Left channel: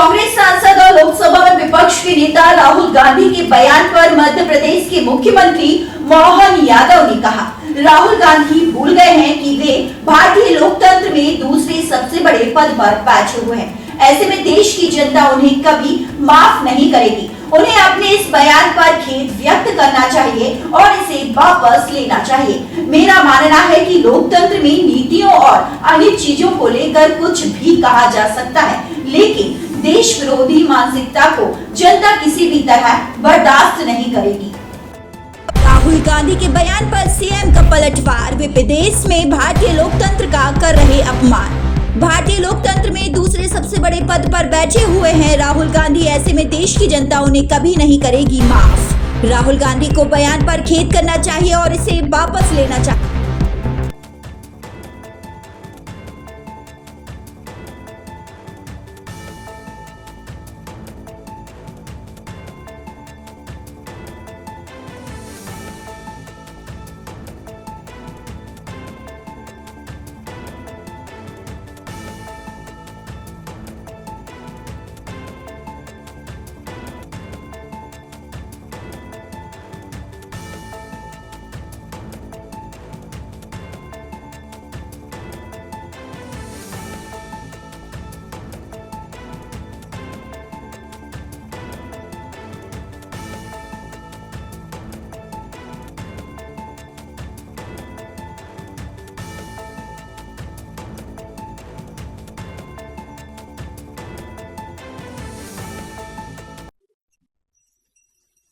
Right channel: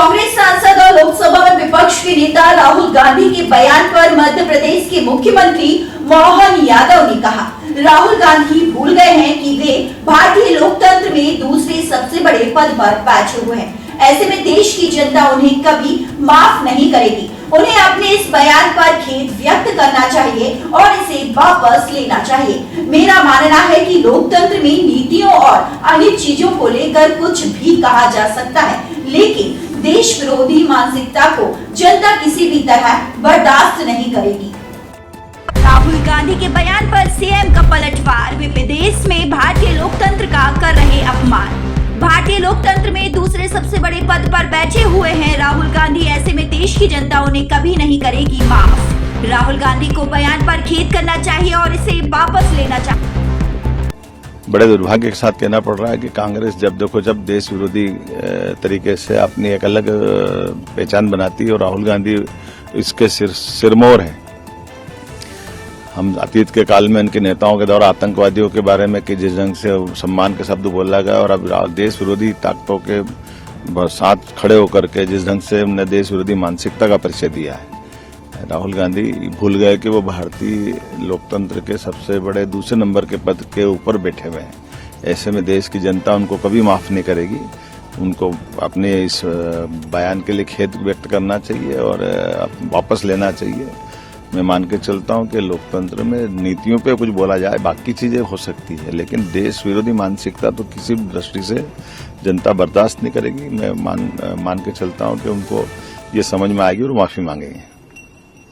कांग्रेस सांसद और लोकसभा में विपक्ष के नेता राहुल गांधी के बयान पर मध्य प्रदेश के मुख्यमंत्री मोहन यादव ने कहा, राहुल गांधी भूल गए हैं कि वे भारतीय लोकतंत्र में दूसरे सबसे बड़े पद पर बैठे हुए हैं। ऐसे में देश की जनता उन्हें कभी माफ नहीं करेगी। उन्हें अपने इस बयान पर खेद व्यक्त करना चाहिए और इसे वापस लेना चाहिए। मेरा मानना है कि लोकतंत्र में नीतियों और अन्य चीजों को लेकर कुछ भी कहा जा सकता है, लेकिन देश विरोधी मानसिकता को जनता किसी भी तरह बर्दाश्त नहीं करेगी। राहुल गांधी के बयान पर सीएम का पलटवार, वे विदेश में भारतीय लोकतंत्र का कर रहे अपमान। भारतीय लोकतंत्र में दूसरे सबसे बड़े पद पर बैठे हुए हैं राहुल गांधी। ऐसे में देश की जनता उन्हें कभी नहीं करेगी माफ। राहुल गांधी को बयान पर खेद करना चाहिए और इसे वापस लेना चाहिए। बड़े दुर्भाग्य के साथ कहना पड़ रहा है कि कांग्रेस जब देश विरोधी तरीके से अपनी एक अलग पहचान बनाती है और राहुल गांधी इसके सिरमौर हैं। हम अतीत के काल में इनके नेताओं के द्वारा आतंकवादियों के बारे में कि जिस ढंग से सम्मान के शब्द बोला गया और अब देश विरोधी ताकतों के साथ खड़े होकर के जिस ढंग से हमने देश विरोधी मानसिकता का परिचय दिया है, राहुल गांधी भूल गए कि वो भारतीय लोकतंत्र के सबसे बड़े दूसरे नंबर के पद के ऊपर बैठे हुए हैं। ऐसे में देश की जनता उनको कभी माफ नहीं करेगी। उनको अपने इस बयान के लिए खेद व्यक्त करना चाहिए और वापस लेना चाहिए। मैं मान के चलता हूं कि लोकतंत्र में नीतियों पे कुछ बोला जाए, बाकी चीजें हो सकती है, लेकिन देश विरोधी मानसिकता तो किसी भी दृष्टि से जनता बर्दाश्त नहीं करेगी। मैं मान के चलता हूं कि उनको ये समझ में आएगी और माफी मांगेंगे।